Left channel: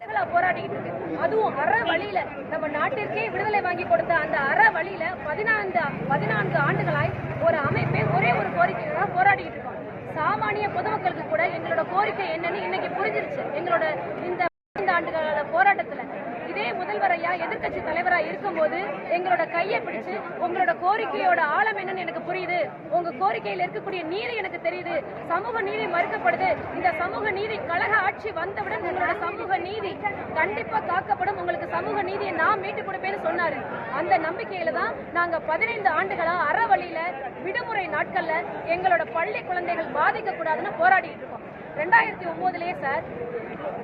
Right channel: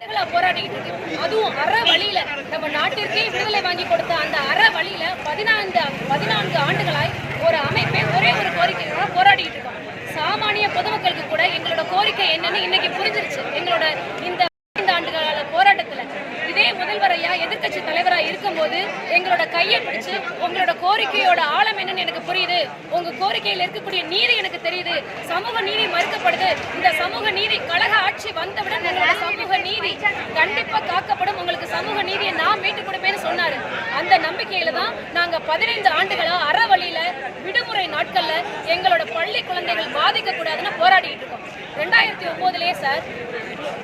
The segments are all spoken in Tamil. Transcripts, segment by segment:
போராடிட்டு இருக்கு. அதுவும் அற வழியில நம்ம நாட்டிற்கே விடுதலை வாங்கி கொடுத்த அந்த அற வழியில 14 ஆண்டுகளாய் ஒரு அமைப்பை ஒரே ஒரு கோரிக்கையோட போராடிட்டு இருக்கோம். சாமானிய பொதுமக்களுக்கு கூட எங்களோட கோரிக்கை என்னன்னு இன்னைக்கு புரிஞ்சிருச்சு. எங்களோட இந்த 5 ஆண்டுகால போராட்டத்துல இதே முதல்வரையா எதிர்கட்சி தலைவரா இருக்கும்போது எங்களோட கையை பிடிச்சு உங்களோட கோரிக்கையோட ஆழம் என்னன்னு எனக்கு புரியுது, உங்க கோரிக்கையில் இருக்கக்கூடிய நீதி எனக்கு தெரியுது, சமூக நீதி மறுக்கப்படுது, இந்த சமூக நீதி கழக ஆட்சி வந்தவுடன் உங்களோட சமூக நீதி கண்டிப்பா காக்கப்படும், உங்களுக்கு சமூக நீதியை நான் மீட்டு கொடுப்பேன்னு சொன்னாரு. அந்த நம்பிக்கையில தான் நாங்க 15 ஆண்டுகளா அற வழியில விடுமுறை நாட்கள்ல எங்களோட பள்ளி குழந்தைகள் பாதிக்க கூடாதுன்னு போராடிட்டு இருக்கோம். 2009லயே சார்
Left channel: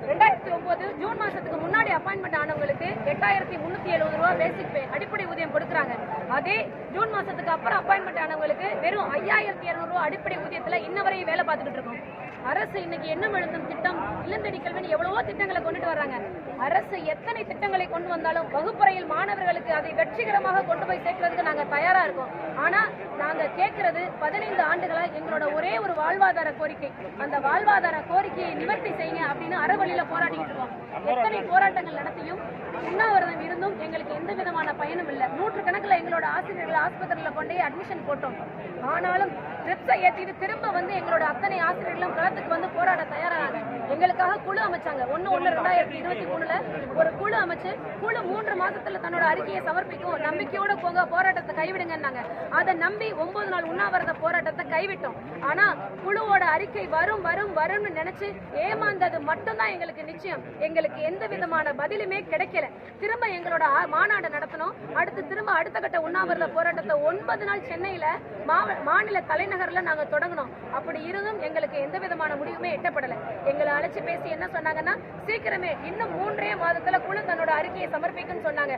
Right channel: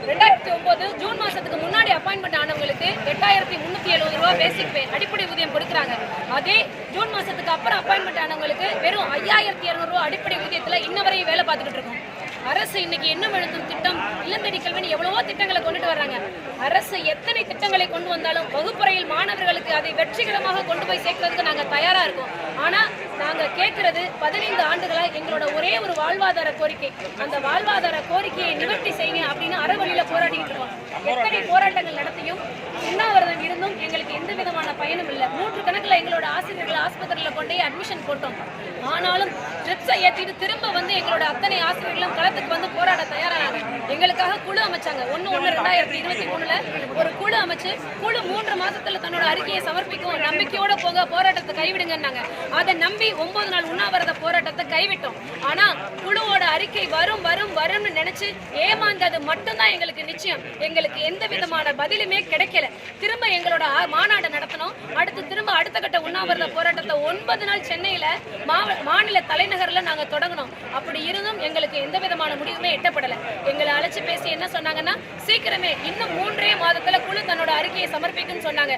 2009 ஜூன் மாசத்துக்கு முன்னாடி அப்பாயின்மெண்ட் ஆனவங்களுக்கு 8370 ரூபாய் பேசிக் பே அடிப்படை ஊதியம் கொடுக்குறாங்க. அதே ஜூன் மாசத்துக்கு அப்புறம் அப்பாயின்மெண்ட் ஆனவங்களுக்கு வெறும் 5200 ரூபாய் அடிப்படை ஊதியத்துல இன்ன வரையும் வேலை பார்த்துக்கிட்டு இருக்கோம். அரசு இன்னைக்கு எண்ணம் எழுத்தும் திட்டம், இல்லந்தடி கல்வின்னு எவ்வளவோ திட்டங்களை கொண்டுட்டு வர்றாங்க. அரசு எத்தனை திட்டங்களை கொண்டு வந்தாலும் வகுப்பறையில் மாணவர்களுக்கு அதை வெற்றிகரமாக கொண்டு போய் சேர்க்கறதுக்கு நாங்க தயாரா இருக்கோம். ஆனா நாங்க கேட்கறது 15 ஆண்டுகளா எங்களோட ஒரே ஒரு வாழ்வாதார கோரிக்கை. அந்த வாழ்வாதார கோரிக்கையை நிவர்த்தி செய்யுங்க அப்படின்னு அறவழியில போராடிட்டு இருக்கோம். எத்தனை போராட்டங்கள் நடத்தியும் உண்ணாவிரதம் இருந்தும் எங்களுக்கு எந்த விதமான பயனும் இல்லை. 100 கணக்குல எங்களோட ஆசிரியர்கள் ஆஸ்பத்திரியில கொண்டே அட்மிஷன் போட்டோம். ஆனாலும் ட்ரிப்ஸை ஏற்றிட்டு திரும்ப வந்து எங்களோட அத்தனை ஆசிரியர்களும் களத்துக்கு வந்து போராட தயாரானாங்க. எங்களுக்காக குழு அமைச்சாங்க. 1/1/2023 ஒரு குழு அமைச்சு குழு 3 மாசத்துல தன்னோட அறிக்கையை சமர்ப்பிக்கும், நம்பிக்கையோட போங்க, போராட்டத்தை கைவிடுங்கன்னாங்க. அதை நம்பி 9 நாள் உண்ணாவிரத போராட்டத்தை கைவிட்டோம். ஆனா குழுவோட அறிக்கை வரும்னு நினைச்சு ஏமாந்தது மட்டும்தான் எங்களுக்கு நிச்சயம். எங்களுக்கு எந்த விதமான பதிலுமே கிடைக்கல. திரும்ப எங்களோட மாநாடு நடத்தணும். அடுத்த கட்ட உண்ணாவிரத போராட்டத்தை 9 நாள் சென்னையில மாநில தலைநகர்ல நாங்க தொடங்கணும். அப்படி இருந்தும் எங்களுக்கு எந்த விதமான முடிவுமே எட்டப்படல. எங்களை அழைச்சு பேசி என்ன சொன்னாங்கன்னா, சீக்கிரமே இன்னும் 3 மாதத்துல குழு தன்னோட அறிக்கையை சமர்ப்பிக்குன்னு சொன்னாங்க.